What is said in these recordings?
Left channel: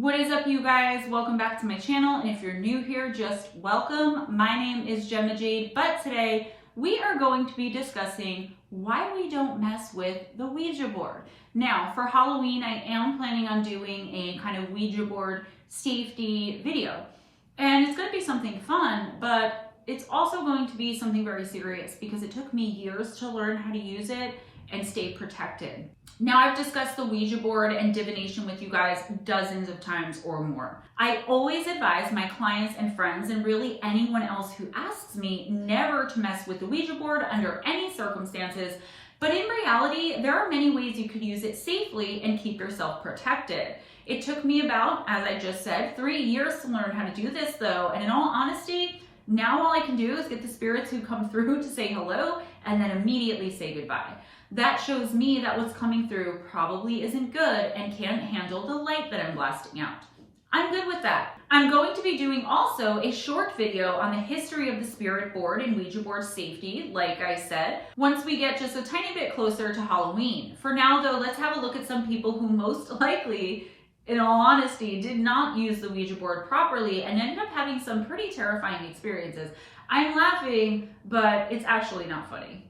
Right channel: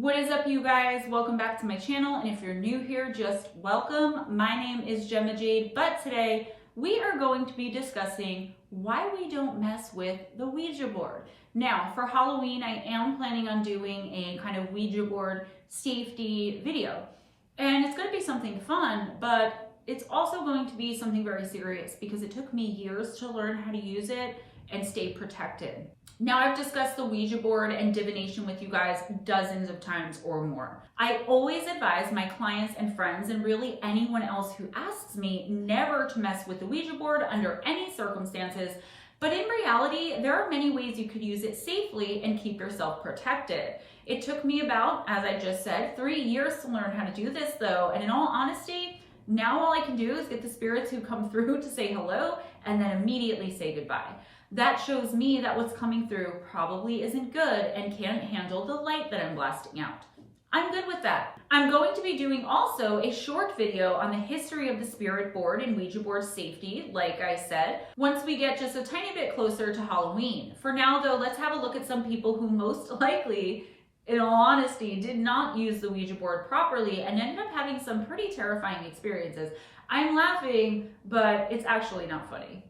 What is up, you guys? Welcome back to my channel, and if you're new here, just welcome. My name is Gemma Jade, but today we are going to be discussing why we don't mess with the Ouija board. Now, for Halloween, I am planning on doing a kind of Ouija board safety video, and it's going to be something fun, but it's also going to be something very serious because it took me years to learn how to use it and stay protected. Now, I've discussed the Ouija board and divination with you guys dozens of times or more. I always advise my clients and friends, and really anyone else who asks me, never to mess with the Ouija board under any circumstances. But in reality, there are many ways you could use it safely and keep yourself protected. It took me about, as I just said, 3 years to learn how to do this though. And in all honesty, now all I can do is get the spirits who come through to say hello and then immediately say goodbye. That shows me that what's coming through probably isn't good and can't handle the light that I'm blasting out. I'm good with that. I'm going to be doing also a short video on the history of the spirit board and Ouija board safety, like I said, once we get just a tiny bit closer to Halloween. For now though, let's have a look at some people who most likely, in all honesty, did not use the Ouija board properly and ended up having some pretty terrifying experiences. I'm laughing, but it's actually not funny.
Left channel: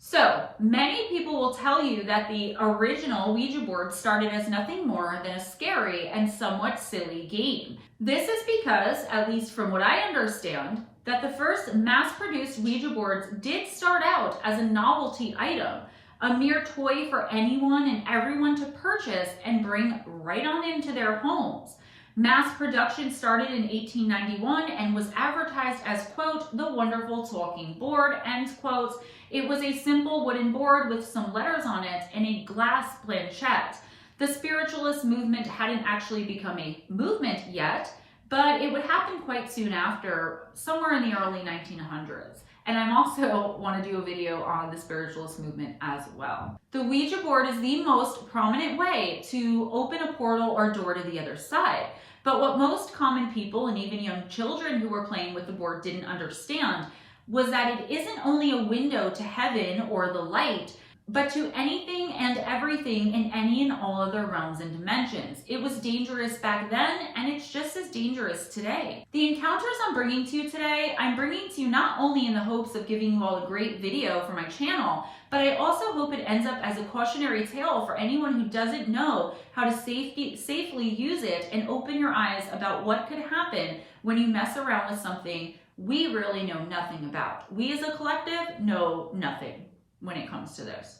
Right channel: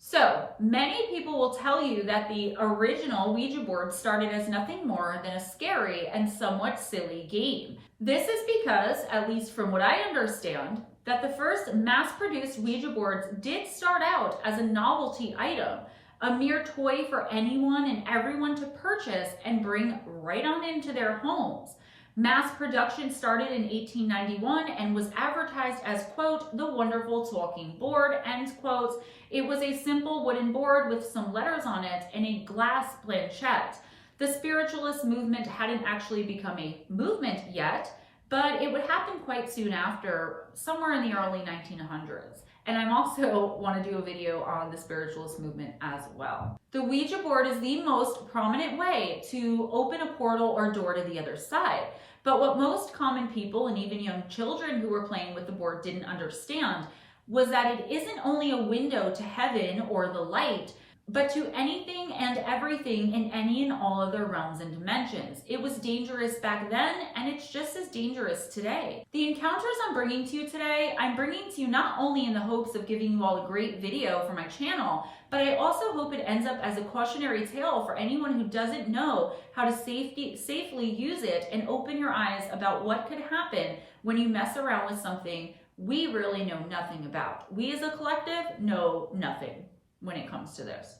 So, many people will tell you that the original Ouija board started as nothing more than a scary and somewhat silly game. This is because, at least from what I understand, that the first mass-produced Ouija boards did start out as a novelty item, a mere toy for anyone and everyone to purchase and bring right on into their homes. Mass production started in 1891 and was advertised as, quote, the wonderful talking board, end quote. It was a simple wooden board with some letters on it and a glass planchette. The spiritualist movement hadn't actually become a movement yet, but it would happen quite soon after, somewhere in the early 1900s. And I'm also want to do a video on the spiritualist movement as well. The Ouija board is the most prominent way to open a portal or door to the other side. But what most common people and even young children who were playing with the board didn't understand was that it isn't only a window to heaven or the light, but to anything and everything in any and all other realms and dimensions. It was dangerous back then, and it's just as dangerous today. The encounters I'm bringing to you today, I'm bringing to you not only in the hopes of giving you all a great video for my channel, but I also hope it ends up as a cautionary tale for anyone who doesn't know how to safely use it and open your eyes about what could happen when you mess around with something we really know nothing about. We as a collective know nothing when it comes to this.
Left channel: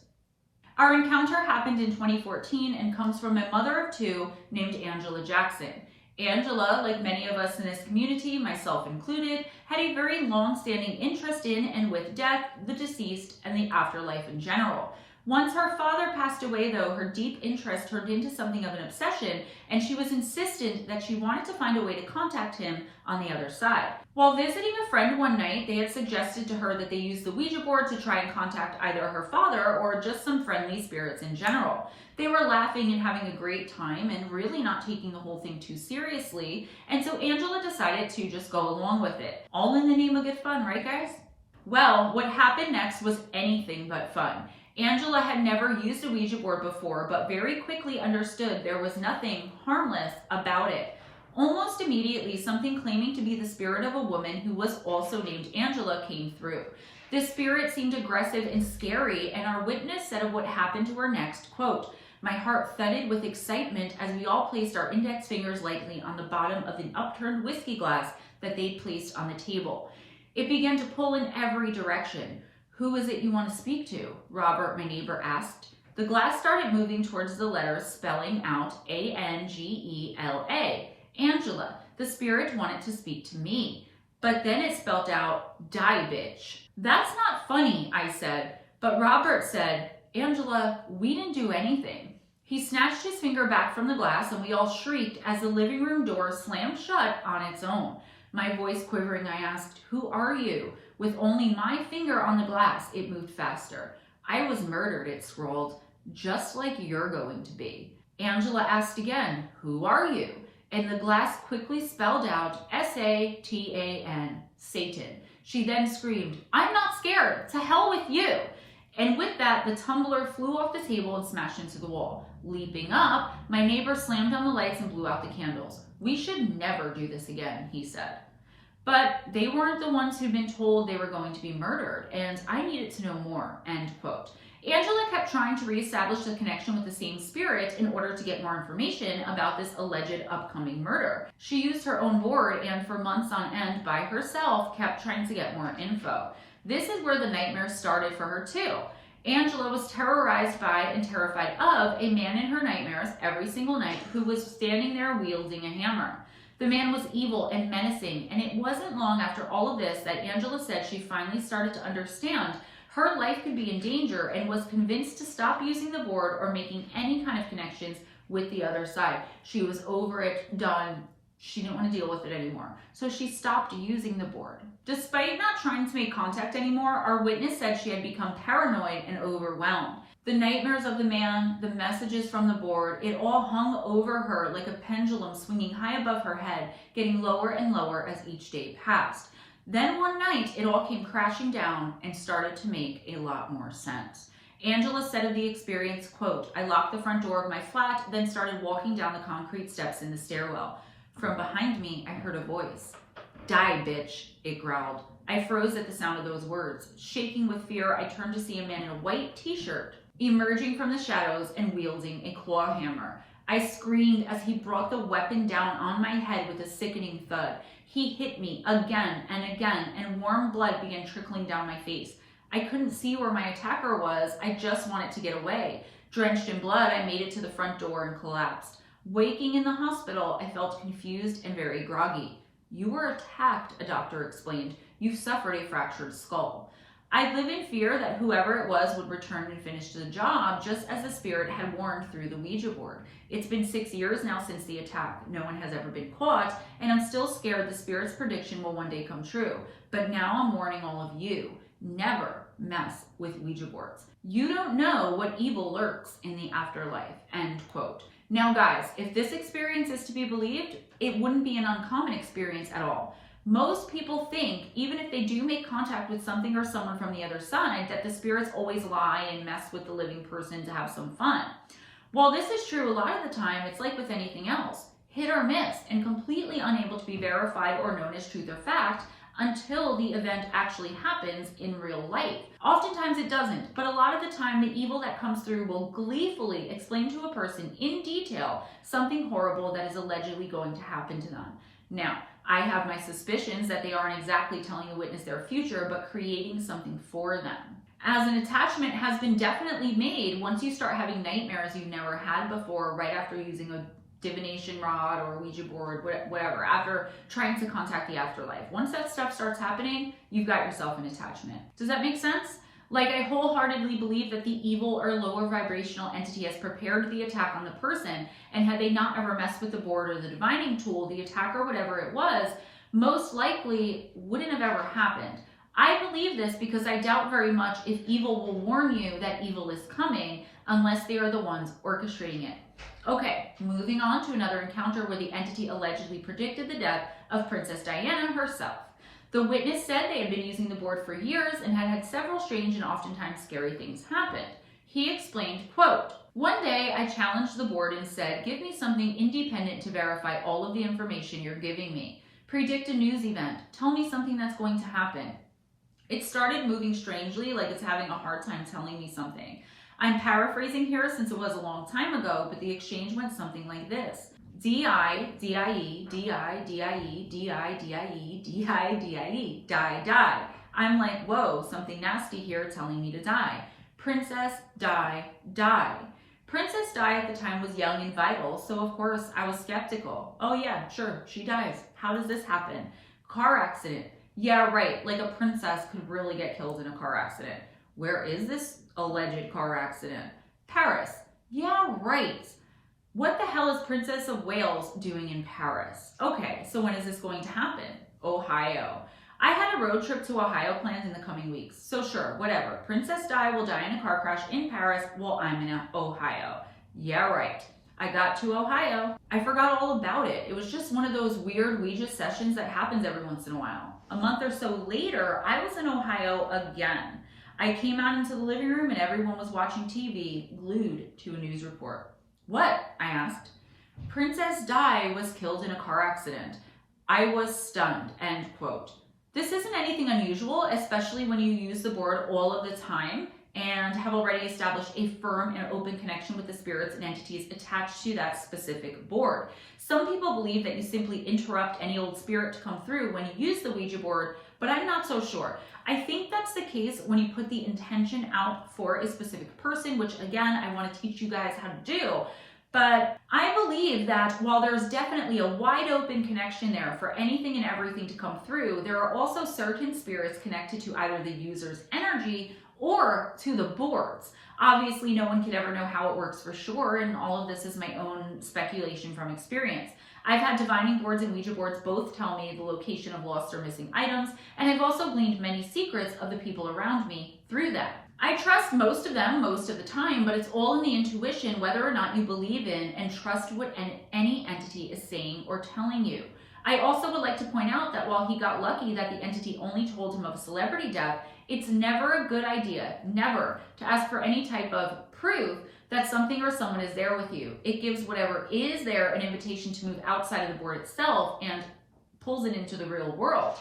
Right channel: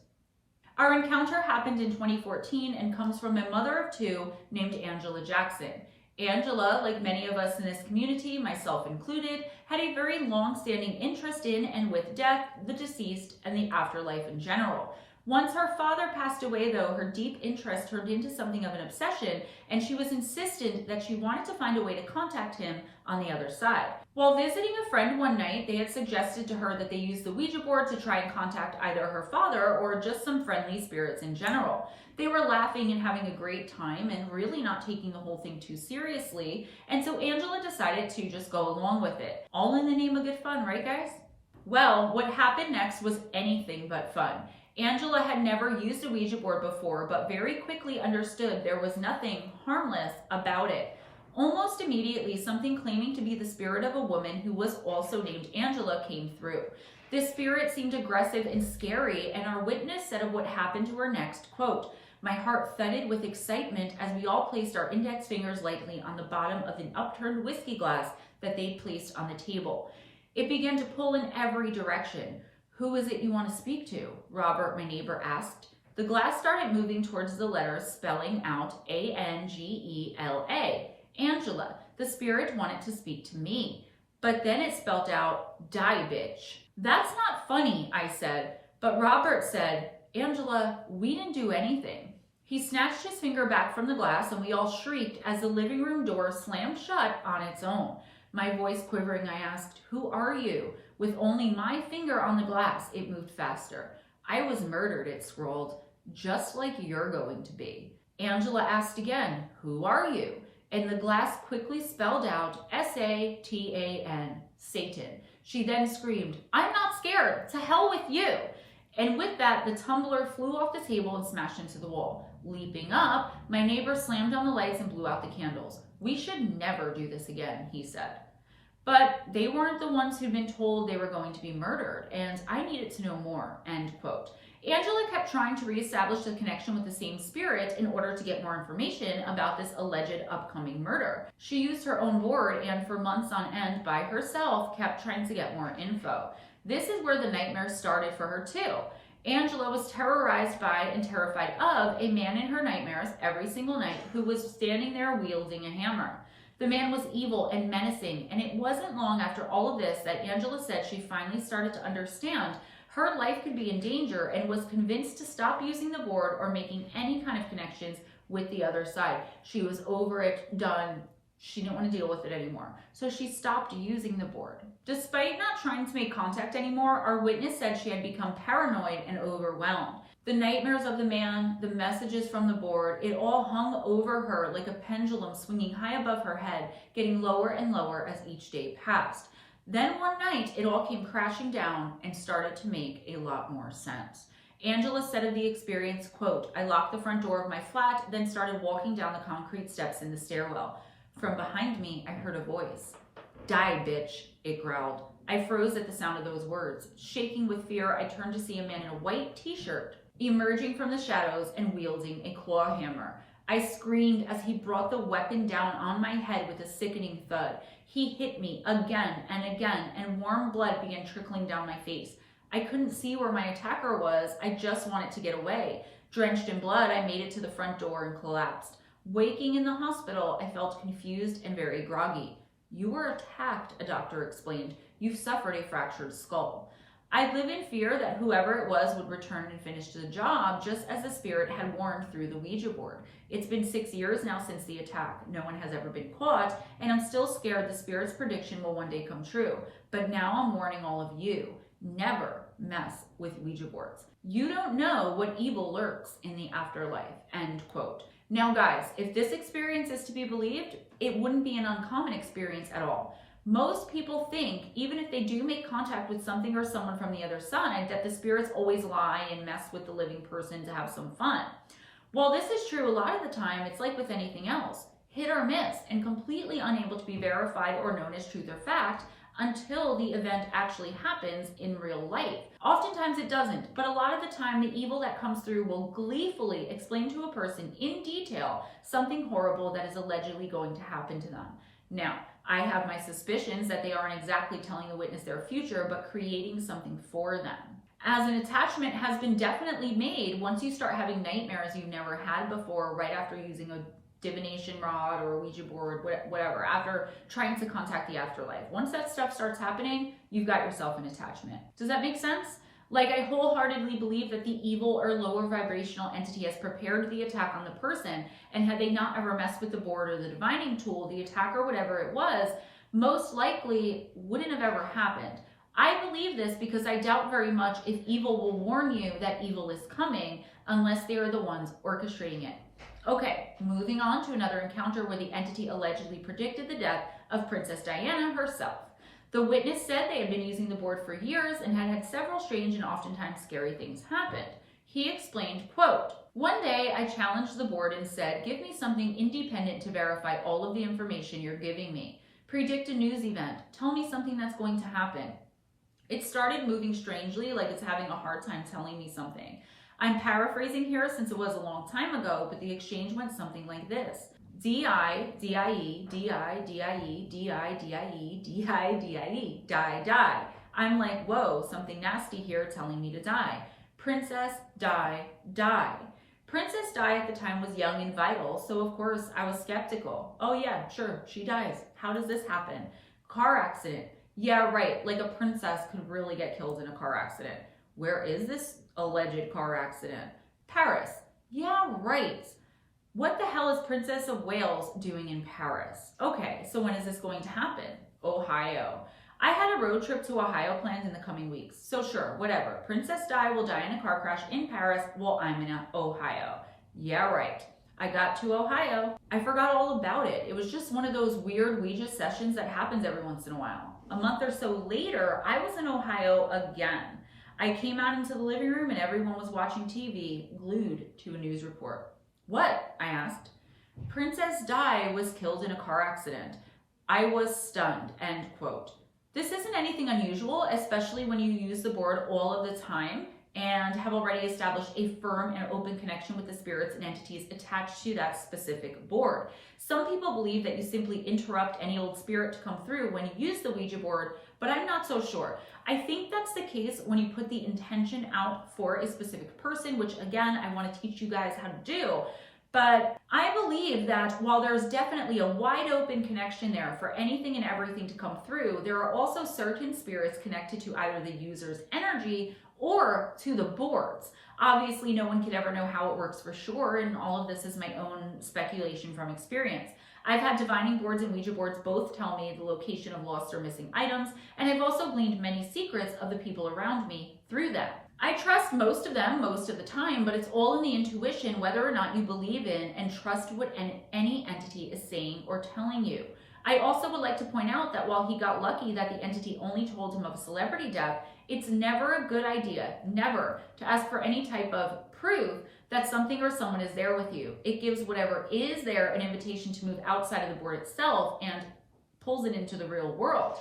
Our encounter happened in 2014 and comes from a mother of two named Angela Jackson. Angela, like many of us in this community, myself included, had a very long-standing interest in and with death, the deceased, and the afterlife in general. Once her father passed away though, her deep interest turned into something of an obsession, and she was insistent that she wanted to find a way to contact him on the other side. While visiting a friend one night, they had suggested to her that they use the Ouija board to try and contact either her father or just some friendly spirits in general. They were laughing and having a great time and really not taking the whole thing too seriously, and so Angela decided to just go along with it. All in the name of good fun, right guys? Well, what happened next was anything but fun. Angela had never used a Ouija board before, but very quickly understood there was nothing harmless about it. Almost immediately, something claiming to be the spirit of a woman who was also named Angela came through. This spirit seemed aggressive and scary, and our witness said of what happened to her next, quote, "My heart thudded with excitement as we all placed our index fingers lightly on the bottom of an upturned whiskey glass that they'd placed on the table. It began to pull in every direction. 'Who is it you want to speak to?' Robert, my neighbor, asked. The glass started moving towards the letters spelling out Angela. Angela. The spirit wanted to speak to me. But then it spelled out, 'Die, bitch.' 'That's not funny,' I said. But Robert said, 'Angela, we didn't do anything.' He snatched his finger back from the glass and we all shrieked as the living room door slammed shut on its own. My voice quivering, I asked, 'Who are you?' With only my finger on the glass, it moved faster. 'I was murdered,' it scrolled, 'just like you're going to be.' Angela asked again, 'Who are you?' And the glass quickly spelled out Satan, Satan. She then screamed, 'I'm not scared, to hell with you.' And with that, the tumbler flew off the table and smashed into the wall. Leaping up, my neighbor slammed on the lights and blew out the candles. "We should never do this again," he said. But they weren't the ones who'd been told they were going to be murdered, and I needed to know more, end quote. Angela kept trying to reestablish the connection with the same spirit in order to get more information about this alleged upcoming murder. She used her own board and for months on end by herself kept trying to get more info. This is where the nightmares started for her too. Angela was terrorized by and terrified of a man in her nightmares every single night who was standing there wielding a hammer. The man was evil and menacing, and it wasn't long after all of this that Angela said she finally started to understand her life could be in danger and was convinced to stop using the board or making any kind of connections with the other side. She was over it, done. She didn't want to deal with it anymore. So she stopped using the board. Despite not trying to make contact anymore, our witness said she had become paranoid and overwhelmed. The nightmares of the man, the messages from the board, it all hung over her like a pendulum swinging high above her head, getting lower and lower as each day passed. Then one night, it all came crashing down and started to make a lot more sense. Angela said of the experience, quote, "I locked the front door of my flat, then started walking down the concrete steps in the stairwell. From behind me, I heard a voice. 'Die, bitch,' it growled. I froze at the sound of those words. Shaking with fear, I turned to see a man in a white t-shirt emerging from the shadows and wielding a claw hammer. I screamed as he brought the weapon down on my head with a sickening thud. He hit me again and again, and warm blood began trickling down my face. I couldn't see where my attacker was. I just wanted to get away. Drenched in blood, I made it to the front door and collapsed. Waking in the hospital, I felt confused and very groggy. 'You were attacked,' a doctor explained. 'You've suffered a fractured skull.' I live in fear that whoever it was would return and finish the job, just as the spirit had warned through the Ouija board. It's been 6 years now since the attack. No one has ever been caught, and I'm still scared the spirit's prediction will one day come true. But now I'm warning all of you, never mess with Ouija boards. You don't know what evil lurks in the afterlife," end quote. Now guys, if this experience is to be believed, it wouldn't be an uncommon experience at all. Most people think, even if they do make contact with something or someone from the other side, that the spirits always lie and mess with the living person to have some fun. While this is true a lot of the time, it's like with anything else, hit or miss, and completely unable to be verified or known as truth or fact until the event actually happens in real life. Oftentimes it doesn't, but a lot of the time the evil that comes through will gleefully explain to a person in detail something horrible that is allegedly going to happen to them. Now, I have my suspicions that they aren't exactly telling the witness their future, but creating something for them. As an attachment has been definitely made once you start having nightmares you've never had before, right after using a divination rod or a Ouija board, whatever, after trying to contact the afterlife. Once that stuff starts happening, you've got yourself an attachment. Does that make sense? Like, I wholeheartedly believe that the evil or lower vibrational entity has prepared the attack on the person, and had they not ever messed with the board or the divining tool, the attack or whatever it was, most likely wouldn't have ever happened. I believe this because I doubt very much if evil will warn you that evil is coming unless they are the ones orchestrating it. Okay, moving on to another encounter where the entity allegedly predicted the death of Princess Diana herself. The witness said they had been using the board for years and had had several strange and oftentimes scary things happen. He explained, quote, "One day I challenged the board and said, 'Give me something independent to verify all of the information you're giving me. Predict a news event. Tell me something that's going to happen.' It started moving strangely, like it's having a hard time telling me something. I'm paraphrasing here since it was a long time ago, but the exchange went something like this. D-I, D-I-E, D-I, D-I-E, D-I, D-I-E, D-I, D-I-E, die, die. I'm like, whoa, something nasty here telling me to die. Princess, die, die. Princess Di at the time was young and vital, so of course I was skeptical. Oh yeah, sure, she dies. How does this happen? Car accident. Yeah, right, like a princess could really get killed in a car accident. Where is this alleged car accident? Paris. Yeah, right. What the hell is Princess of Wales doing in Paris? Okay, so when is this going to happen? Ohio. I had a road trip to Ohio planned in the coming weeks, so sure, whatever. Princess Di will die in a car crash in Paris while I'm in Ohio. Yeah, right. I got to Ohio. I forgot all about it. It was just one of those weird Ouija sessions that happens every once in a while. A month or so later, I was in Ohio again. I came out into the living room and everyone was watching TV, glued to a news report. What? I asked. Princess Di was killed in a car accident. I was stunned, end quote. This isn't anything unusual, especially when you use the board all of the time and have already established a firm and open connection with the spirits and entities attached to that specific board. Some people believe that you simply interrupt any old spirit to come through when you use the Ouija board, but I'm not so sure. I think that's the case when you put the intention out for a specific person, which again, I want to teach you guys how to do. But I believe that while there's definitely a wide open connection there for anything and everything to come through, there are also certain spirits connected to either the user's energy or to the boards. Obviously, no one could ever know how it works for sure, and all of this is my own speculation from experience. I've had divining boards and Ouija boards both tell me the location of lost or missing items, and I've also gleaned many secrets of the people around me through them. I trust most of them most of the time, but it's all in the intuition whether or not you believe in and trust what any entity is saying or telling you. I also would like to point out that while he got lucky that the entity only told him of a celebrity death, it's never a good idea, never, to ask for any type of proof that something or someone is there with you. It gives whatever is there an invitation to move outside of the board itself and pulls it into the real world.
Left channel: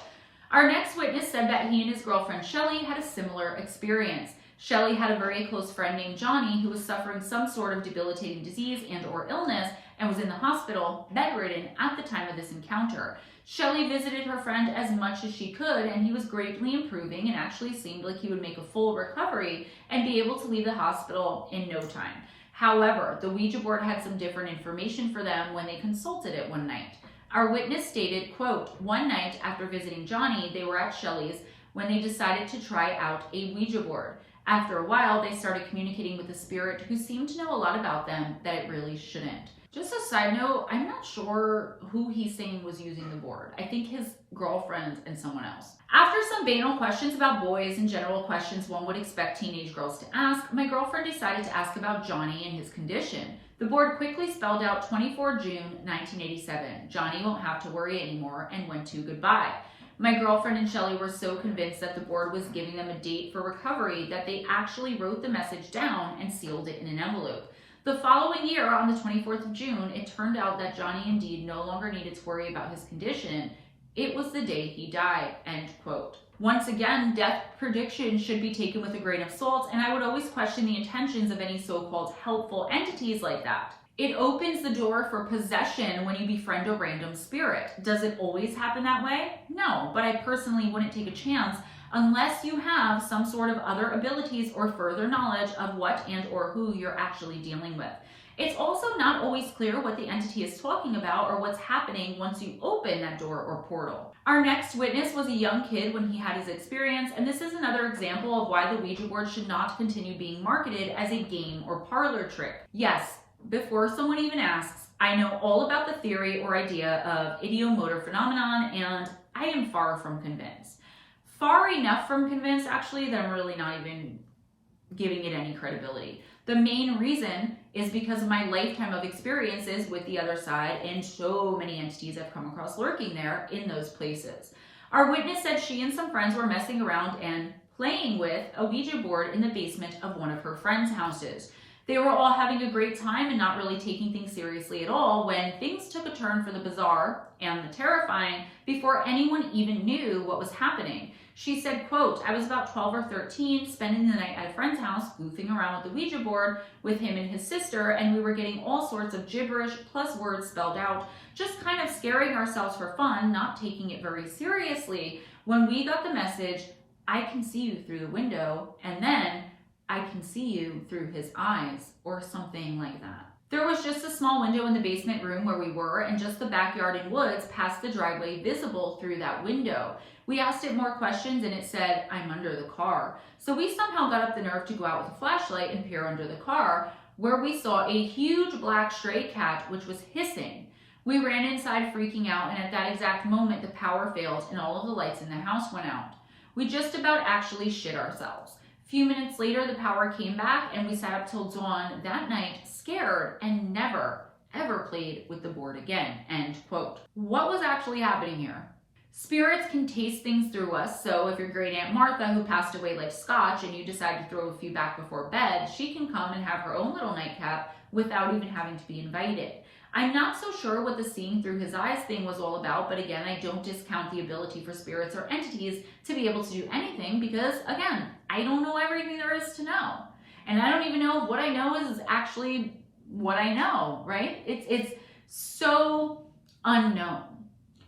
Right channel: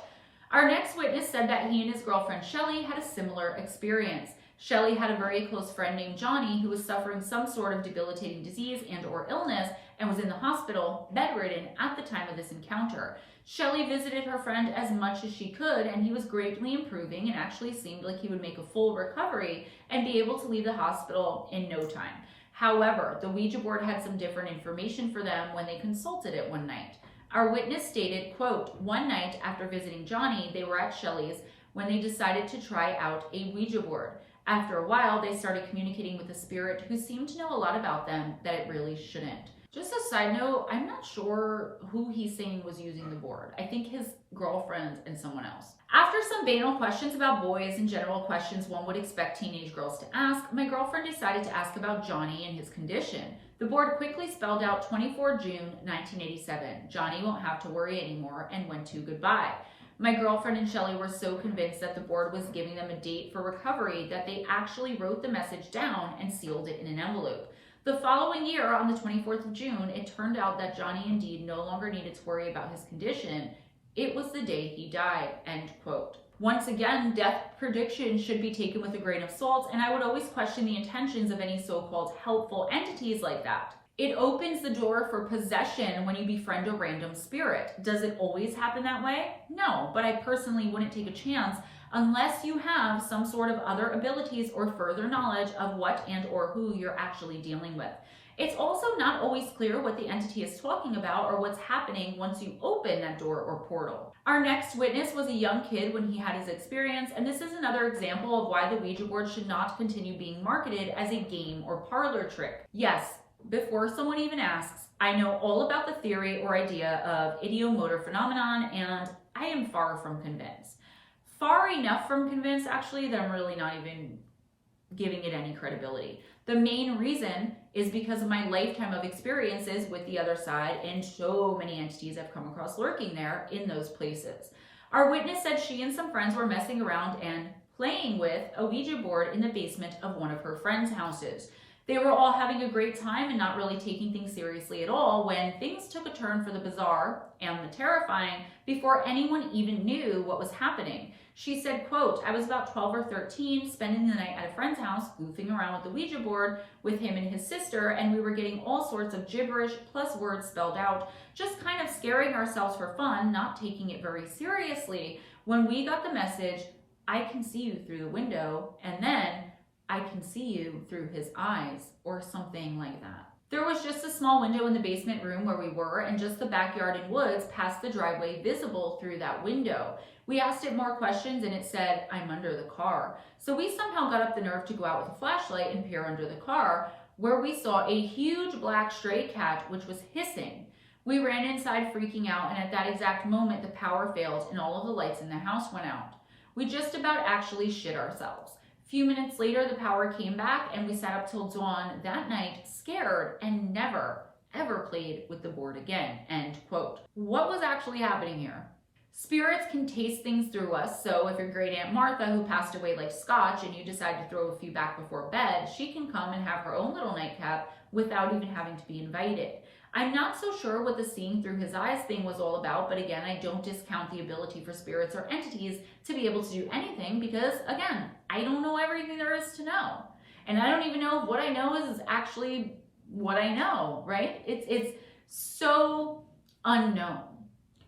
Our next witness said that he and his girlfriend Shelly had a similar experience. Shelly had a very close friend named Johnny who was suffering some sort of debilitating disease and or illness and was in the hospital, bedridden, at the time of this encounter. Shelly visited her friend as much as she could, and he was greatly improving and actually seemed like he would make a full recovery and be able to leave the hospital in no time. However, the Ouija board had some different information for them when they consulted it one night. Our witness stated, quote, one night after visiting Johnny, they were at Shelly's when they decided to try out a Ouija board. After a while, they started communicating with a spirit who seemed to know a lot about them that it really shouldn't. Just a side note, I'm not sure who he's saying was using the board. I think his girlfriend and someone else. After some banal questions about boys and general questions one would expect teenage girls to ask, my girlfriend decided to ask about Johnny and his condition. The board quickly spelled out 24 June 1987. Johnny won't have to worry anymore, and went to goodbye. My girlfriend and Shelly were so convinced that the board was giving them a date for recovery that they actually wrote the message down and sealed it in an envelope. The following year, on the 24th of June, it turned out that Johnny indeed no longer needed to worry about his condition. It was the day he died, end quote. Once again, death predictions should be taken with a grain of salt, and I would always question the intentions of any so-called helpful entities like that. It opens the door for possession when you befriend a random spirit. Does it always happen that way? No, but I personally wouldn't take a chance unless you have some sort of other abilities or further knowledge of what and or who you're actually dealing with. It's also not always clear what the entity is talking about or what's happening once you open that door or portal. Our next witness was a young kid when he had his experience, and this is another example of why the Ouija board should not continue being marketed as a game or parlor trick. Yes, before someone even asks, I know all about the theory or idea of ideomotor phenomenon, and I am far from convinced. Far enough from convinced, actually, that I'm really not even giving it any credibility. The main reason is because of my lifetime of experiences with the other side and so many entities I've come across lurking there in those places. Our witness said she and some friends were messing around and playing with a Ouija board in the basement of one of her friends' houses. They were all having a great time and not really taking things seriously at all when things took a turn for the bizarre and the terrifying before anyone even knew what was happening. She said, quote, I was about 12 or 13, spending the night at a friend's house, goofing around with the Ouija board with him and his sister, and we were getting all sorts of gibberish plus words spelled out, just kind of scaring ourselves for fun, not taking it very seriously, when we got the message, I can see you through the window, and then I can see you through his eyes, or something like that. There was just a small window in the basement room where we were, and just the backyard and woods past the driveway visible through that window. We asked it more questions, and it said, I'm under the car. So we somehow got up the nerve to go out with a flashlight and peer under the car, where we saw a huge black stray cat, which was hissing. We ran inside freaking out, and at that exact moment, the power failed, and all of the lights in the house went out. We just about actually shit ourselves. A few minutes later, the power came back, and we sat up till dawn that night, scared, and never, ever played with the board again, end quote. What was actually happening here? Spirits can taste things through us, so if your great Aunt Martha, who passed away, liked scotch and you decide to throw a few back before bed, she can come and have her own little nightcap, without even having to be invited. I'm not so sure what the seeing through his eyes thing was all about, but again, I don't discount the ability for spirits or entities to be able to do anything because, again, I don't know everything there is to know. And I don't even know if what I know is actually what I know, right? It's so unknown.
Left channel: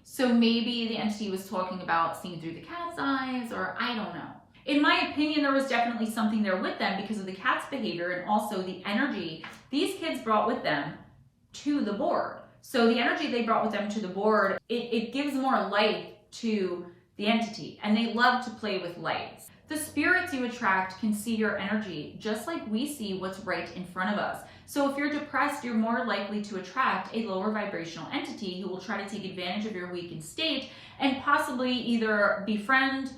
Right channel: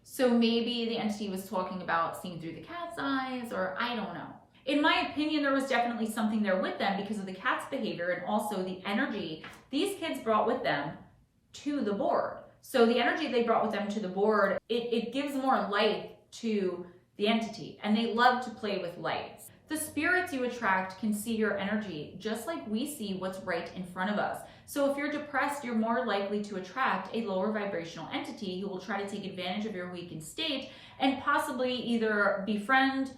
So maybe the entity was talking about seeing through the cat's eyes, or I don't know. In my opinion, there was definitely something there with them because of the cat's behavior and also the energy these kids brought with them to the board. So the energy they brought with them to the board, it gives more light to the entity, and they love to play with lights. The spirits you attract can see your energy just like we see what's right in front of us. So if you're depressed, you're more likely to attract a lower vibrational entity who will try to take advantage of your weakened state and possibly either befriend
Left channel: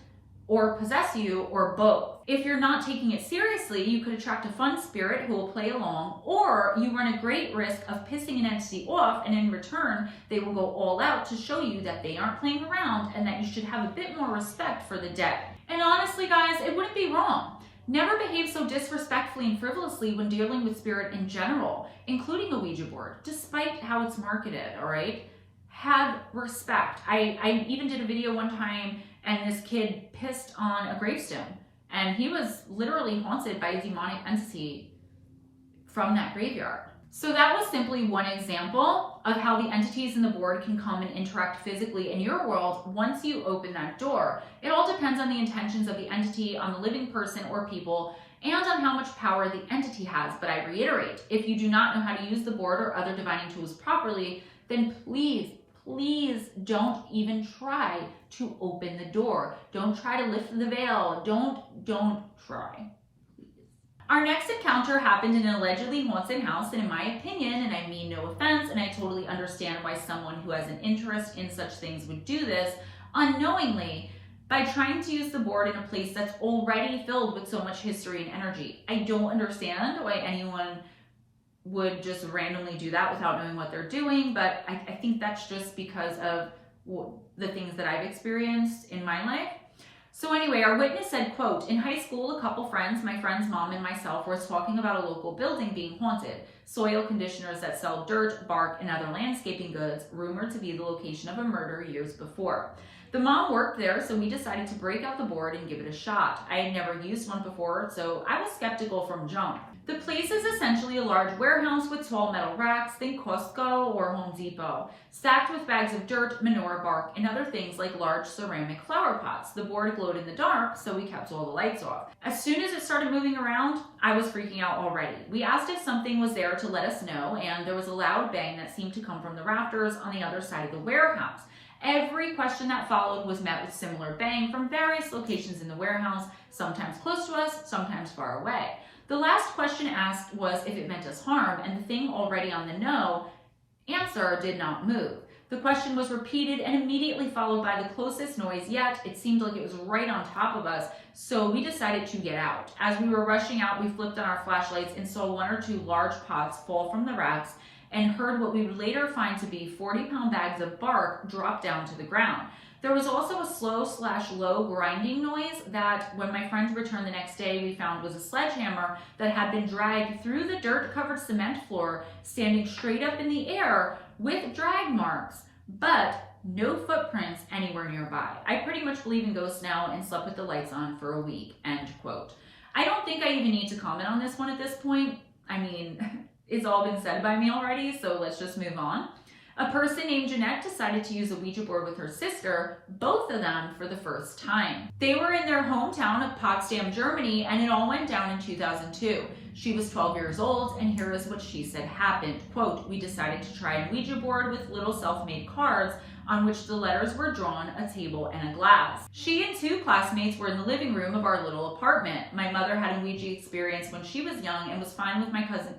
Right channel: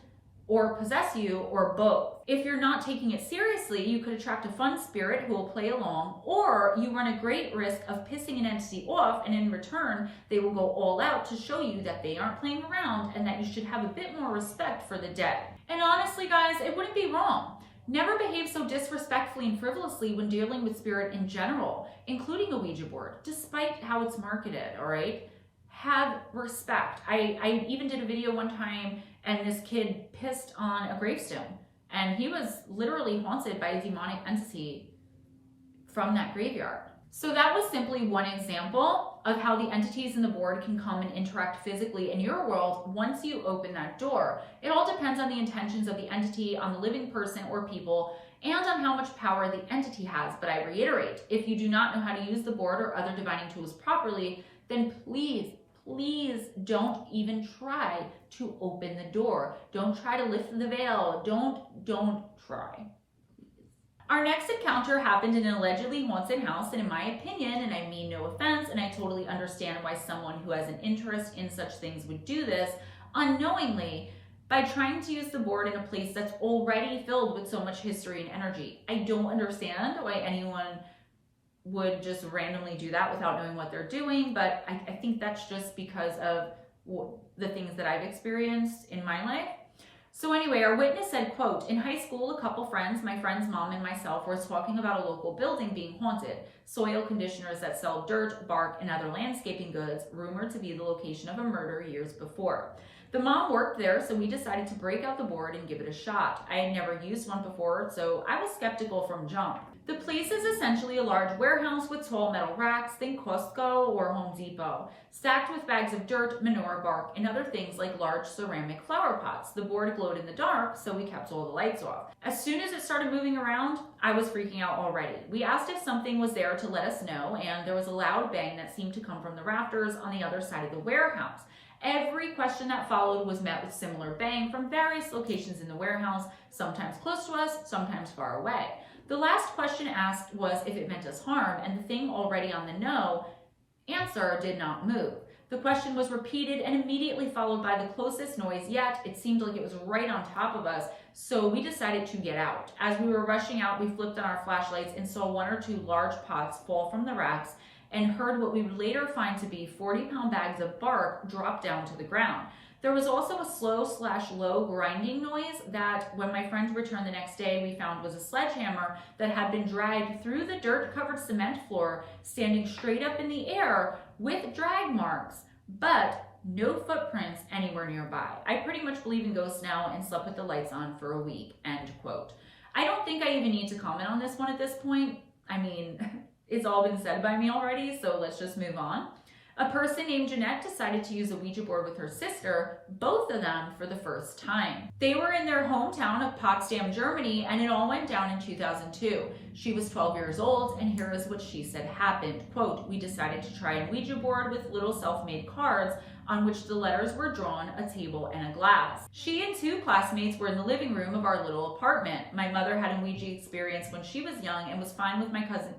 or possess you, or both. If you're not taking it seriously, you could attract a fun spirit who will play along, or you run a great risk of pissing an entity off, and in return, they will go all out to show you that they aren't playing around and that you should have a bit more respect for the dead. And honestly, guys, it wouldn't be wrong. Never behave so disrespectfully and frivolously when dealing with spirit in general, including a Ouija board, despite how it's marketed, all right? Have respect. I even did a video one time and this kid pissed on a gravestone and he was literally haunted by a demonic entity from that graveyard. So that was simply one example of how the entities in the board can come and interact physically in your world once you open that door. It all depends on the intentions of the entity, on the living person or people, and on how much power the entity has. But I reiterate, if you do not know how to use the board or other divining tools properly, then please don't even try to open the door. Don't try to lift the veil. Don't try. Our next encounter happened in an allegedly haunted house, and in my opinion, and I mean no offense, and I totally understand why someone who has an interest in such things would do this unknowingly by trying to use the board in a place that's already filled with so much history and energy. I don't understand why anyone would just randomly do that without knowing what they're doing, but I think that's just because of the things that I've experienced in my life. So anyway, our witness said, quote, "In high school, a couple friends, my friend's mom and myself, were talking about a local building being haunted. Soil conditioners that sell dirt, bark, and other landscaping goods, rumored to be the location of a murder years before. The mom worked there, so we decided to break out the board and give it a shot. I had never used one before, so I was skeptical from jump. The place is essentially a large warehouse with tall metal racks, think Costco or Home Depot, stacked with bags of dirt, manure, bark, and other things like large ceramic flower pots. The board glowed in the dark, so we kept all the lights off. As soon as it started moving around, I was freaking out already. We asked if something was there to let us know, and there was a loud bang that seemed to come from the rafters on the other side of the warehouse. Every question that followed was met with similar bang from various locations in the warehouse, sometimes close to us, sometimes far away. The last question asked was if it meant us harm, and the thing already on the no answer did not move. The question was repeated and immediately followed by the closest noise, yet it seemed like it was right on top of us, so we decided to get out. As we were rushing out, we flipped on our flashlights and saw one or two large pots fall from the racks and heard what we would later find to be 40-pound bags of bark drop down to the ground. There was also a slow/low grinding noise that, when my friends returned the next day, we found was a sledgehammer that had been dragged through the dirt-covered cement floor, standing straight up in the air with drag marks, but no footprints anywhere nearby. I pretty much believe in ghosts now and slept with the lights on for a week," end quote. I don't think I even need to comment on this one at this point. I mean, it's all been said by me already, so let's just move on. A person named Jeanette decided to use a Ouija board with her sister, both of them for the first time. They were in their hometown of Potsdam, Germany, and it all went down in 2002. She was 12 years old, and here is what she said happened. Quote, "We decided to try a Ouija board with little self-made cards on which the letters were drawn, a table, and a glass. She and two classmates were in the living room of our little apartment. My mother had a Ouija experience when she was young and was fine with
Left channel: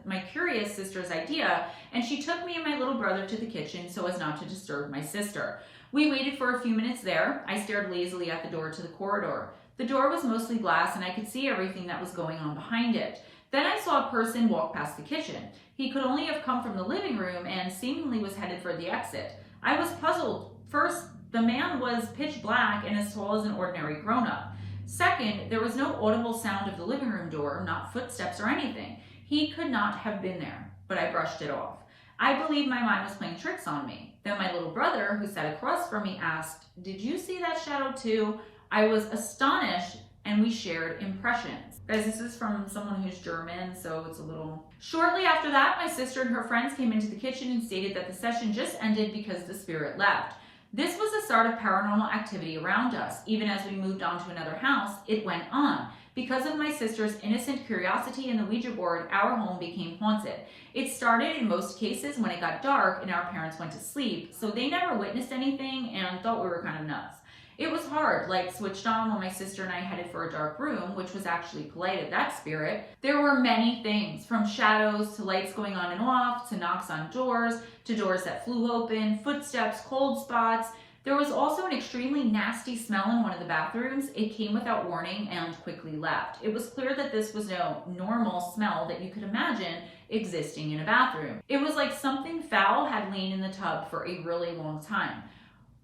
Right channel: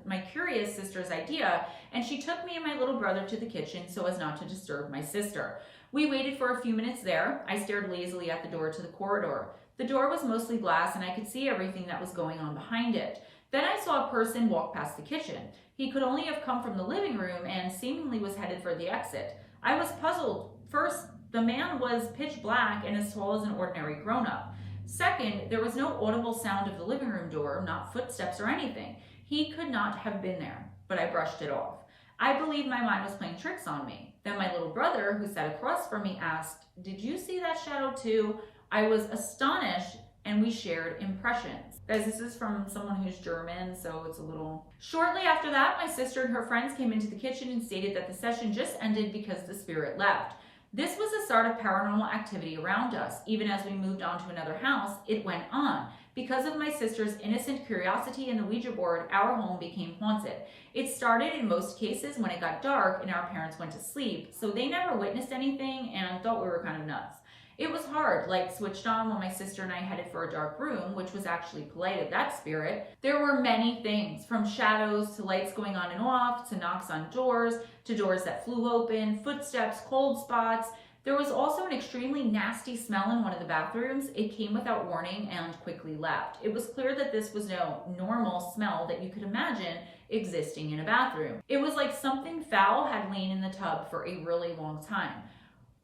my curious sister's idea, and she took me and my little brother to the kitchen so as not to disturb my sister. We waited for a few minutes there. I stared lazily at the door to the corridor. The door was mostly glass and I could see everything that was going on behind it. Then I saw a person walk past the kitchen. He could only have come from the living room and seemingly was headed for the exit. I was puzzled. First, the man was pitch black and as tall as an ordinary grown-up. Second, there was no audible sound of the living room door, not footsteps or anything. He could not have been there. but I brushed it off. I believe my mind was playing tricks on me. Then my little brother, who sat across from me, asked, "Did you see that shadow too?" I was astonished, and we shared impressions. Guys, this is from someone who's German, so it's a little... Shortly after that, my sister and her friends came into the kitchen and stated that the session just ended because the spirit left. This was the start of paranormal activity around us. Even as we moved on to another house, it went on. Because of my sister's innocent curiosity in the Ouija board, our home became haunted. It started in most cases when it got dark and our parents went to sleep, so they never witnessed anything and thought we were kind of nuts. It was hard, lights switched on when my sister and I headed for a dark room, which was actually polite of that spirit. There were many things, from shadows to lights going on and off, to knocks on doors, to doors that flew open, footsteps, cold spots. There was also an extremely nasty smell in one of the bathrooms. It came without warning and quickly left. It was clear that this was no normal smell that you could imagine existing in a bathroom. It was like something foul had lain in the tub for a really long time.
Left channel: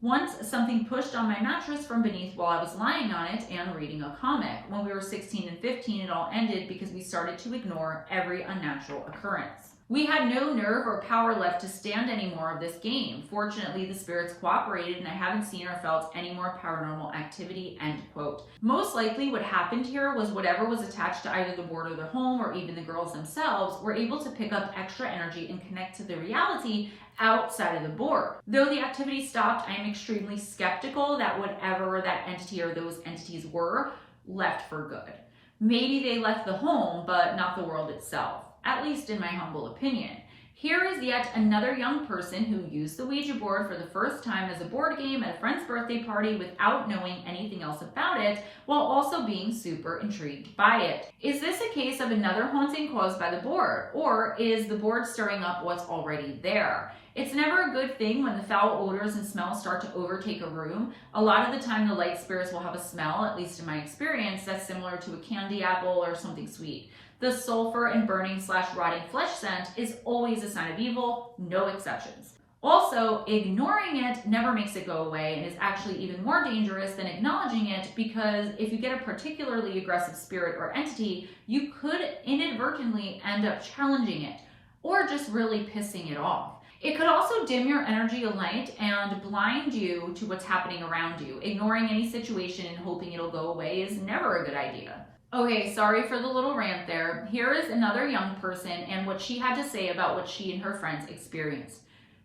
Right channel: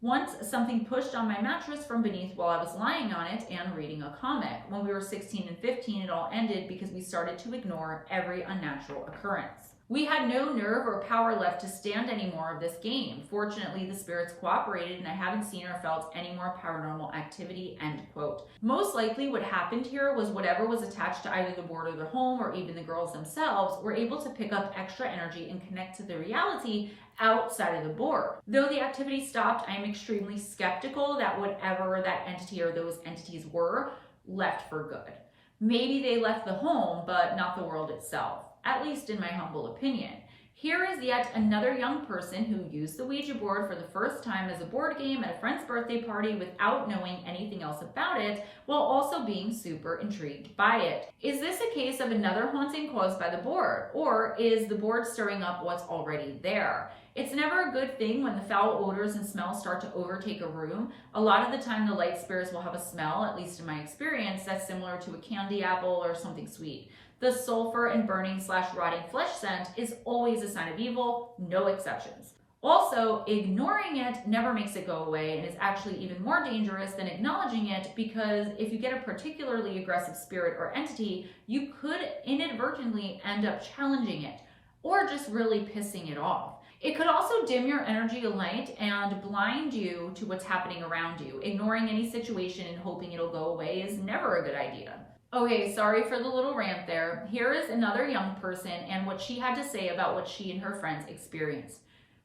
Once, something pushed on my mattress from beneath while I was lying on it and reading a comic. When we were 16 and 15, it all ended because we started to ignore every unnatural occurrence. We had no nerve or power left to stand any more of this game. Fortunately, the spirits cooperated and I haven't seen or felt any more paranormal activity, end quote. Most likely what happened here was whatever was attached to either the board or the home or even the girls themselves were able to pick up extra energy and connect to the reality outside of the board. Though the activity stopped, I am extremely skeptical that whatever that entity or those entities were left for good. Maybe they left the home, but not the world itself. At least in my humble opinion. Here is yet another young person who used the Ouija board for the first time as a board game at a friend's birthday party without knowing anything else about it, while also being super intrigued by it. Is this a case of another haunting caused by the board, or is the board stirring up what's already there? It's never a good thing when the foul odors and smells start to overtake a room. A lot of the time the light spirits will have a smell, at least in my experience, that's similar to a candy apple or something sweet. The sulfur and burning / rotting flesh scent is always a sign of evil, no exceptions. Also, ignoring it never makes it go away and is actually even more dangerous than acknowledging it, because if you get a particularly aggressive spirit or entity, you could inadvertently end up challenging it or just really pissing it off. It could also dim your energy a light and blind you to what's happening around you. Ignoring any situation and hoping it'll go away is never a good idea. Okay, sorry for the little rant there. Here is another young person and what she had to say about what she and her friends experienced.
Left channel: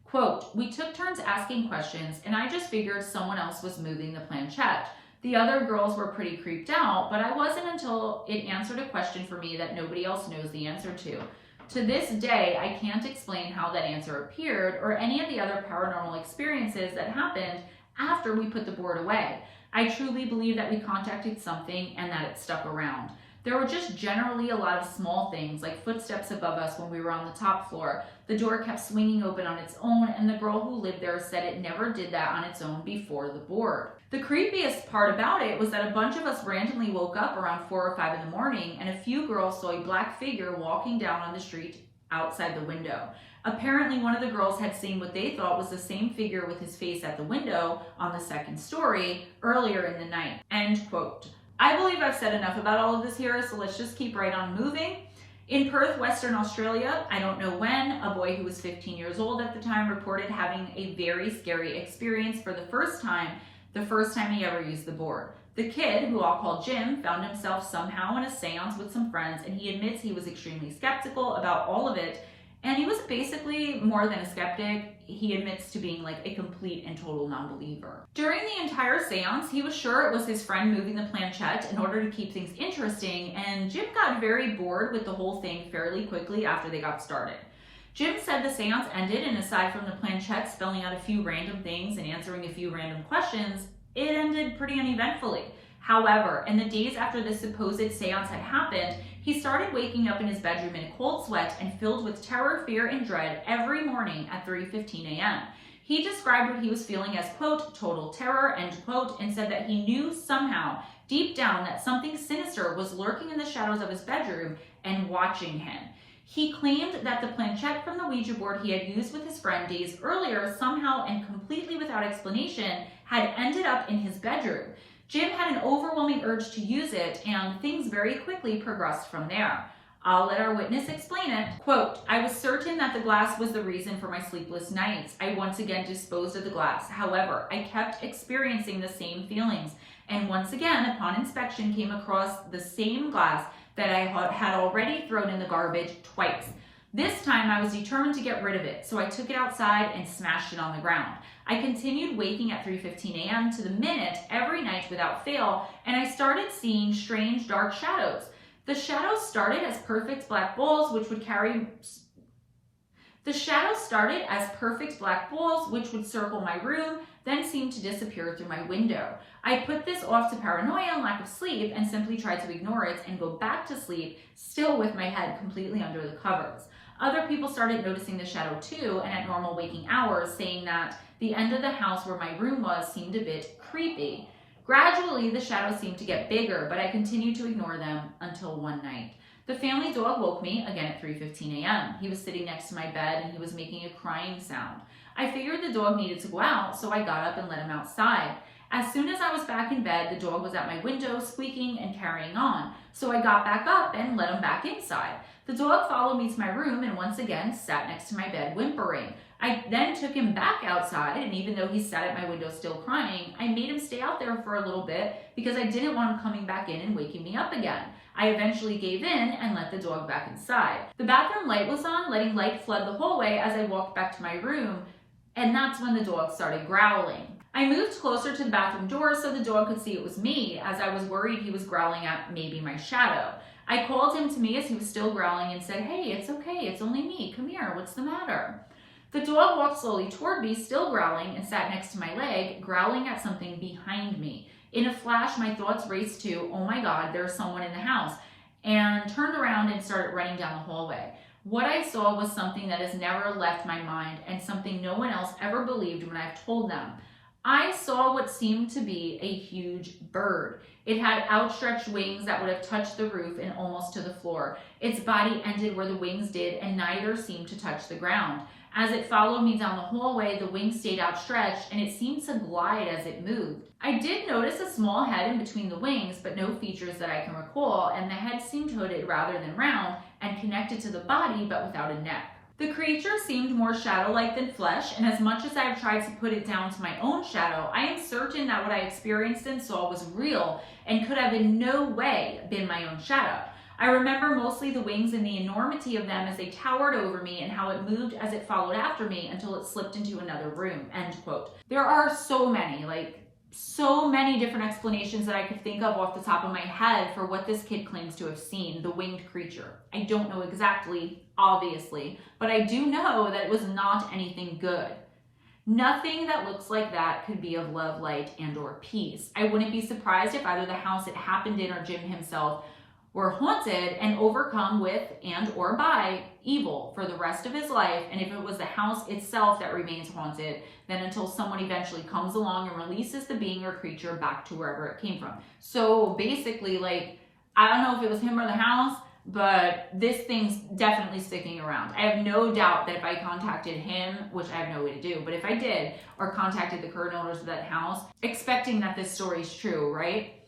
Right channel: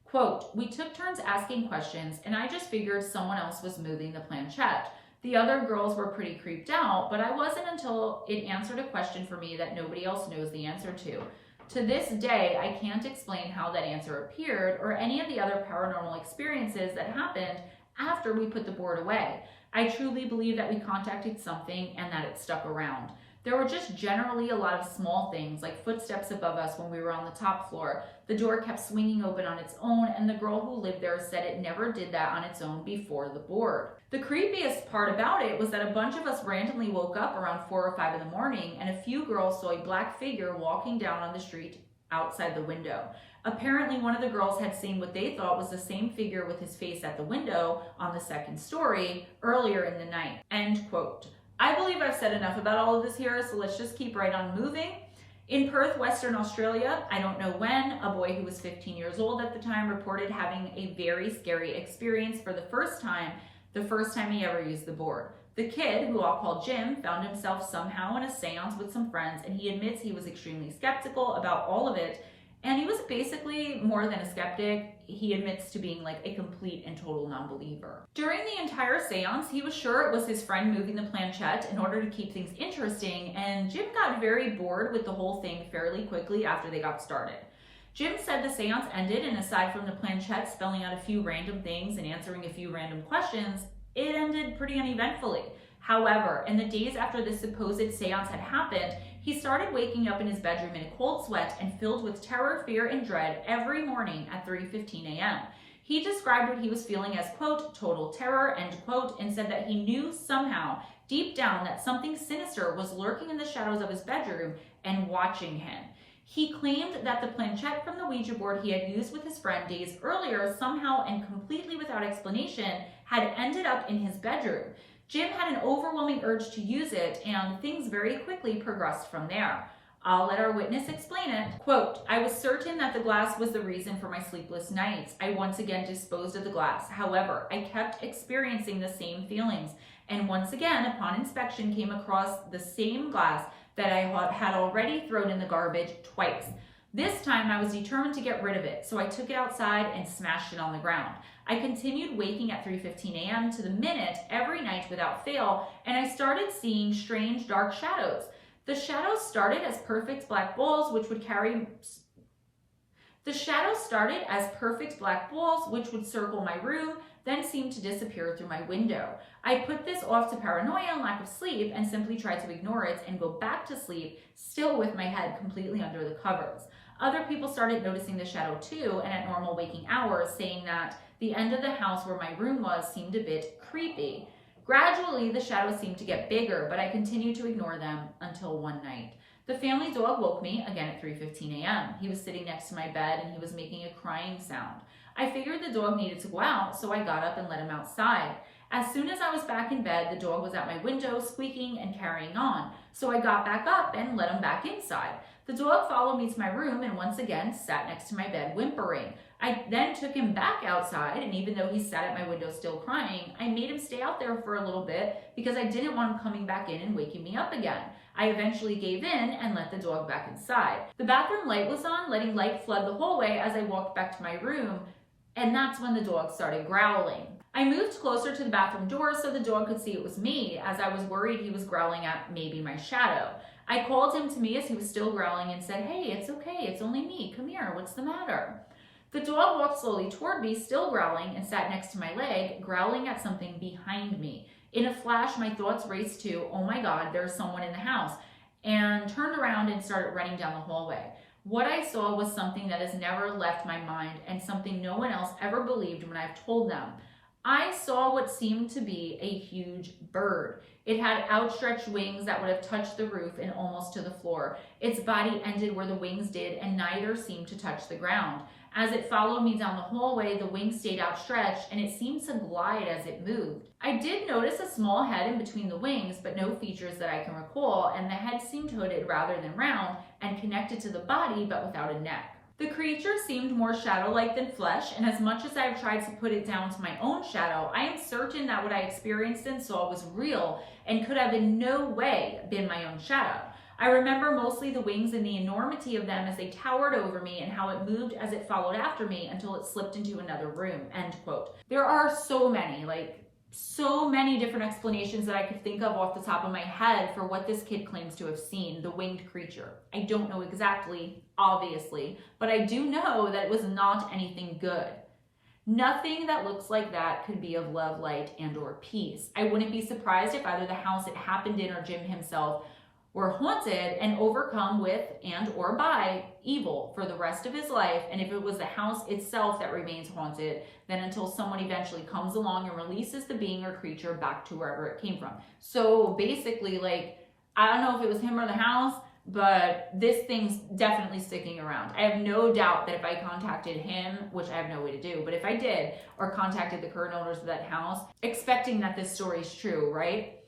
Quote, "We took turns asking questions and I just figured someone else was moving the planchette. The other girls were pretty creeped out, but I wasn't until it answered a question for me that nobody else knows the answer to. To this day, I can't explain how that answer appeared or any of the other paranormal experiences that happened after we put the board away. I truly believe that we contacted something and that it stuck around. There were just generally a lot of small things, like footsteps above us when we were on the top floor. The door kept swinging open on its own, and the girl who lived there said it never did that on its own before the board. The creepiest part about it was that a bunch of us randomly woke up around 4 or 5 in the morning, and a few girls saw a black figure walking down on the street outside the window. Apparently, one of the girls had seen what they thought was the same figure with his face at the window on the second story earlier in the night." End quote. I believe I've said enough about all of this here, so let's just keep right on moving. In Perth, Western Australia, I don't know when, a boy who was 15 years old at the time reported having a very scary experience for the first time he ever used the board. The kid, who I'll call Jim, found himself somehow in a seance with some friends, and he admits he was extremely skeptical about all of it. And he was basically more than a skeptic. He admits to being like a complete and total non-believer. During the entire seance, he was sure it was his friend moving the planchette in order to keep things interesting, and Jim got very bored with the whole thing fairly quickly after they got started. Jim said the seance ended, and aside from the planchette spelling out a few random things and answering a few random questions, it ended pretty uneventfully. However, in the days after this supposed seance had happened, he started waking up in his bedroom in a cold sweat and filled with terror, fear, and dread every morning at 3:15 a.m. He described what he was feeling as, quote, total terror, end quote, and said that he knew somehow, deep down, that something sinister was lurking in the shadows of his bedroom and watching him. He claimed that the planchette from the Ouija board he had used with his friend days earlier somehow and completely without explanation had ended up in his bedroom. Jim had an overwhelming urge to use it, and things very quickly progressed from there. I'll let our witness explain it. Quote, I was certain that the glass was the reason for my sleepless nights. I once again disposed of the glass. However, I kept experiencing the same feelings, and once again, upon inspection, came across the same glass that I had already thrown in the garbage twice. This time I was determined to get rid of it, so I took it outside and smashed it on the ground. I continued waking at 3:15 a.m. to the minute every night without fail, and I started seeing strange dark shadows. The shadows started as perfect black balls, which would circle my room, then seemed to disappear through my window. I put this off to paranoia and lack of sleep and simply tried to ignore it and go back to sleep, still with my head completely under the covers. Other people started noticing the shadow too, and at normal waking hours, saying that the end of the house where my room was seemed a bit creepy. Gradually, the shadows seemed to get bigger, but I continued to ignore them until one night. The family dog woke me again at 3:15 a.m. He was sitting next to my bed and he was making a crying sound. I figured the dog needed to go out, so I got up and let him outside. As soon as I was back in bed, the dog was at my window, squeaking and carrying on. So I got back up and let him back inside. The dog followed me to my room and once again sat next to my bed whimpering. I then took him back outside, and even though he sat at my window still crying, I made him stay out there for a little bit because I didn't want him coming back in and waking me up again. I eventually gave in and let the dog back inside. The bathroom light was on, letting light flood the hallway as I walked back to my room, and that's when the dog started growling. I moved closer to the bathroom door so the dog could see it was me, as I was worried he was growling at maybe my shadow. I called him to me as he was still growling and said, "Hey, it's okay, it's only me, come here, what's the matter?" The dog walked slowly toward me, still growling, and sat next to my leg, growling at something behind me. In a flash, my thoughts raced to, oh my God, there's someone in the house, and turned around and started running down the hallway. What I saw was something that has never left my mind and something no one else ever believed when I've told them. I saw what seemed to be a huge bird. It had outstretched wings that would have touched the roof and almost to the floor. Its body ended where the wings did, and neither seemed to touch the ground. As it followed me down the hallway, the wings stayed outstretched, and it seemed to glide as it moved. I did notice a small head in between the wings, but no features that I can recall, and the head seemed hooded rather than round and connected to the body, but without a neck. The creature seemed more shadow-like than flesh, and as much as I have tried to put it down to my own shadow, I am certain that what I experienced and saw was real and could have in no way been my own shadow. I remember mostly the wings and the enormity of them as they towered over me and how it moved as it followed after me until it slipped into another room, end quote. There are so many different explanations that I could think of off the top of my head for what this kid claims to have seen, the winged creature. I don't know exactly, obviously, but I do know that it was not anything good. Nothing that looks like that could be of love, light, and or peace. I wouldn't be surprised if either the house it happened in or Jim himself were haunted and overcome with and or by evil for the rest of his life. And if it was the house itself that remains haunted, then until someone eventually comes along and releases the being or creature back to wherever it came from. So basically, I don't know if it was him or the house, but this thing's definitely sticking around. I have no doubt that if I contacted him, which I have no way to do, but if I did, or contacted the current owners of that house, expecting that this story is true, right?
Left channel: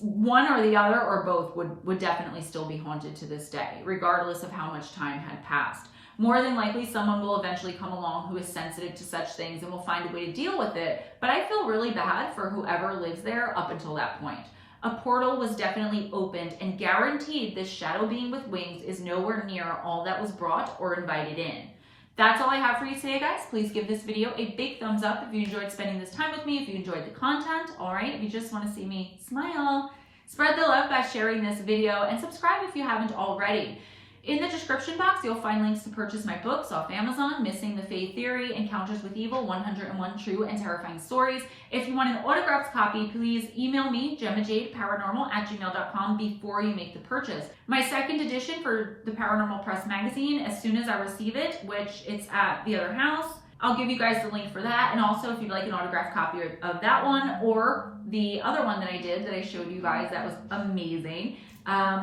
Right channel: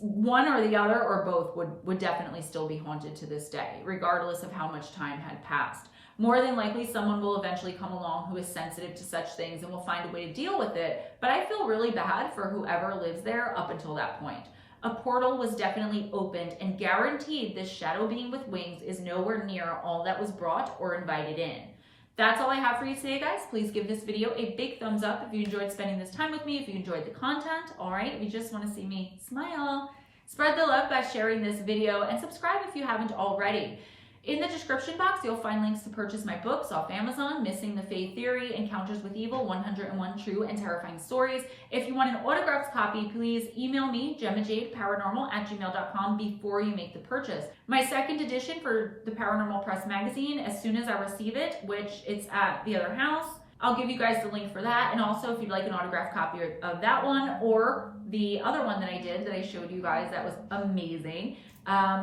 One or the other or both would definitely still be haunted to this day, regardless of how much time had passed. More than likely, someone will eventually come along who is sensitive to such things and will find a way to deal with it, but I feel really bad for whoever lives there up until that point. A portal was definitely opened, and guaranteed this shadow being with wings is nowhere near all that was brought or invited in. That's all I have for you today, guys. Please give this video a big thumbs up if you enjoyed spending this time with me, if you enjoyed the content. All right, if you just want to see me smile, spread the love by sharing this video, and subscribe if you haven't already. In the description box, you'll find links to purchase my books off Amazon, Missing the Fae Theory, Encounters with Evil, 101 True and Terrifying Stories. If you want an autographed copy, please email me, GemmaJadeParanormal@gmail.com, before you make the purchase. My second edition for the Paranormal Press magazine, as soon as I receive it, which it's at the other house, I'll give you guys the link for that. And also, if you'd like an autographed copy of that one or the other one that I did that I showed you guys that was amazing,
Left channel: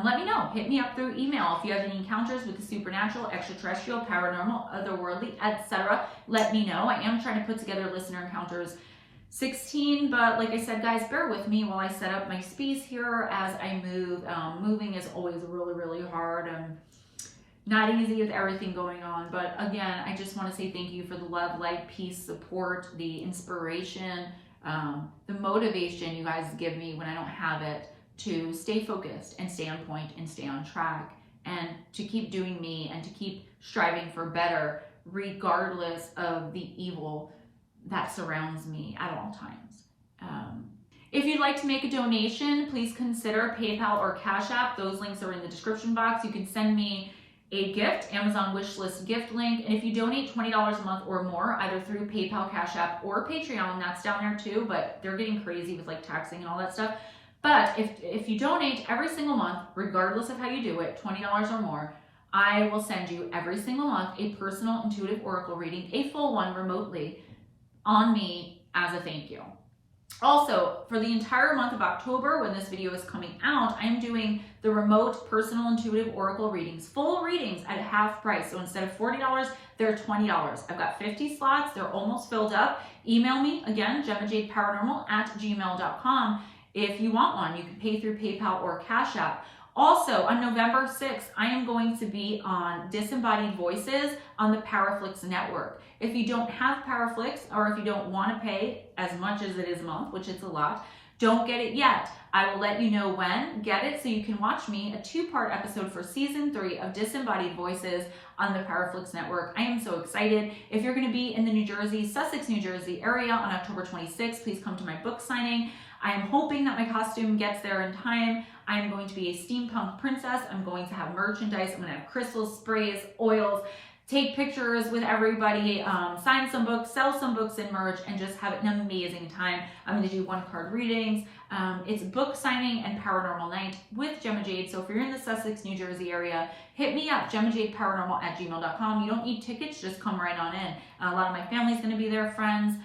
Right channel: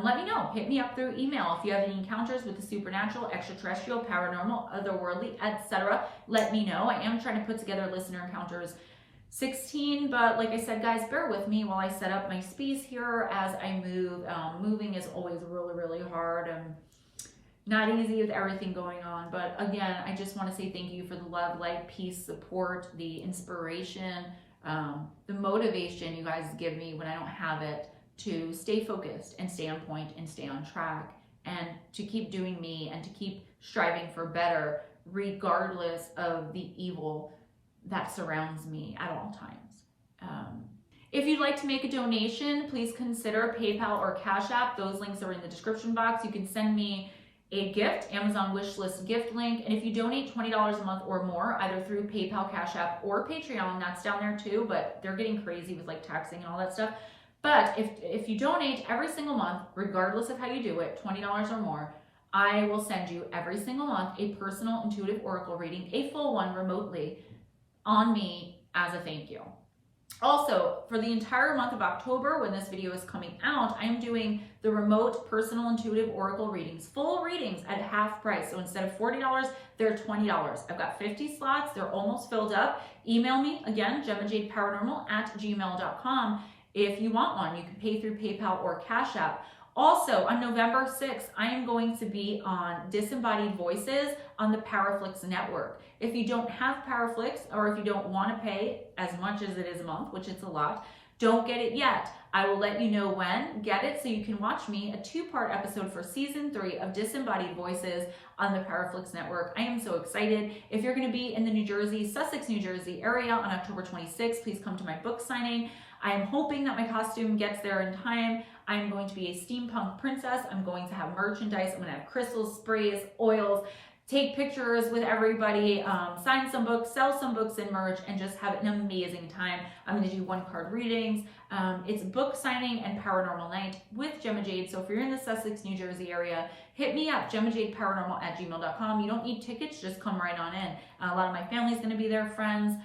let me know. Hit me up through email. If you have any encounters with the supernatural, extraterrestrial, paranormal, otherworldly, etc., let me know. I am trying to put together listener encounters 16, but like I said, guys, bear with me while I set up my space here as I move. Moving is always really, really hard. Not easy with everything going on, but again, I just want to say thank you for the love, light, peace, support, the inspiration, the motivation you guys give me when I don't have it to stay focused and stay on point and stay on track and to keep doing me and to keep striving for better regardless of the evil that surrounds me at all times. If you'd like to make a donation, please consider PayPal or Cash App. Those links are in the description box. You can send me a gift, Amazon wishlist gift link. And if you donate $20 a month or more, either through PayPal, Cash App, or Patreon, that's down there too, but they're getting crazy with like taxing and all that stuff. But if you donate every single month, regardless of how you do it, $20 or more, I will send you every single month a personal intuitive oracle reading, a full one remotely on me as a thank you. Also, for the entire month of October, when this video is coming out, I am doing the remote personal intuitive oracle readings, full readings at half price. So instead of $40, they're $20. I've got 50 slots. They're almost filled up. Email me, again, GemmaJadeParanormal@gmail.com. If you want one, you can pay through PayPal or Cash App. Also, on November 6th, I am going to be on Disembodied Voices on the Powerflix network. If you don't have Powerflix, or if you don't want to pay as much as it is a month, which it's a lot, don't get it yet. I will let you know when. Get it so you can watch me, a 2-part episode for season 3 of Disembodied Voices on the Powerflix network. I am so excited. If you're going to be in the New Jersey, Sussex, New Jersey area on October 26th, please come to my book signing. I am hoping that my costume gets there in time. I am going to be a steampunk princess. I'm going to have merchandise. I'm going to have crystals, sprays, oils, take pictures with everybody, sign some books, sell some books and merch, and just have an amazing time. I'm going to do 1-card readings. It's book signing and paranormal night with Gemma Jade. So if you're in the Sussex, New Jersey area, hit me up, GemmaJadeParanormal@gmail.com. You don't need tickets, just come right on in. A lot of my family's going to be there, friends.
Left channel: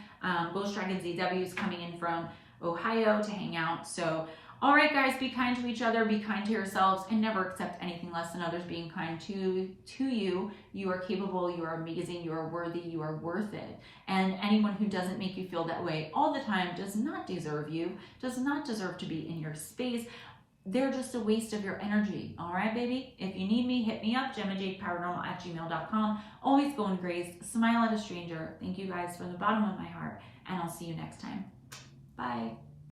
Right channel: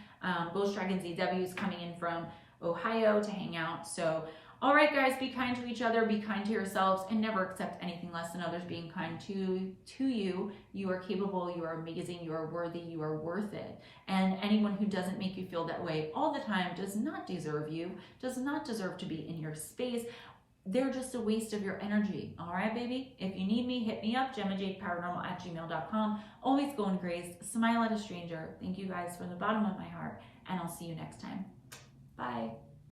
Ghost Dragon ZW is coming in from Ohio to hang out. So, all right, guys, be kind to each other, be kind to yourselves, and never accept anything less than others being kind to you. You are capable, you are amazing, you are worthy, you are worth it. And anyone who doesn't make you feel that way all the time does not deserve you, does not deserve to be in your space. They're just a waste of your energy. All right, baby? If you need me, hit me up, GemmaJadeParanormal@gmail.com. Always go in grace. Smile at a stranger. Thank you guys from the bottom of my heart, and I'll see you next time. Bye.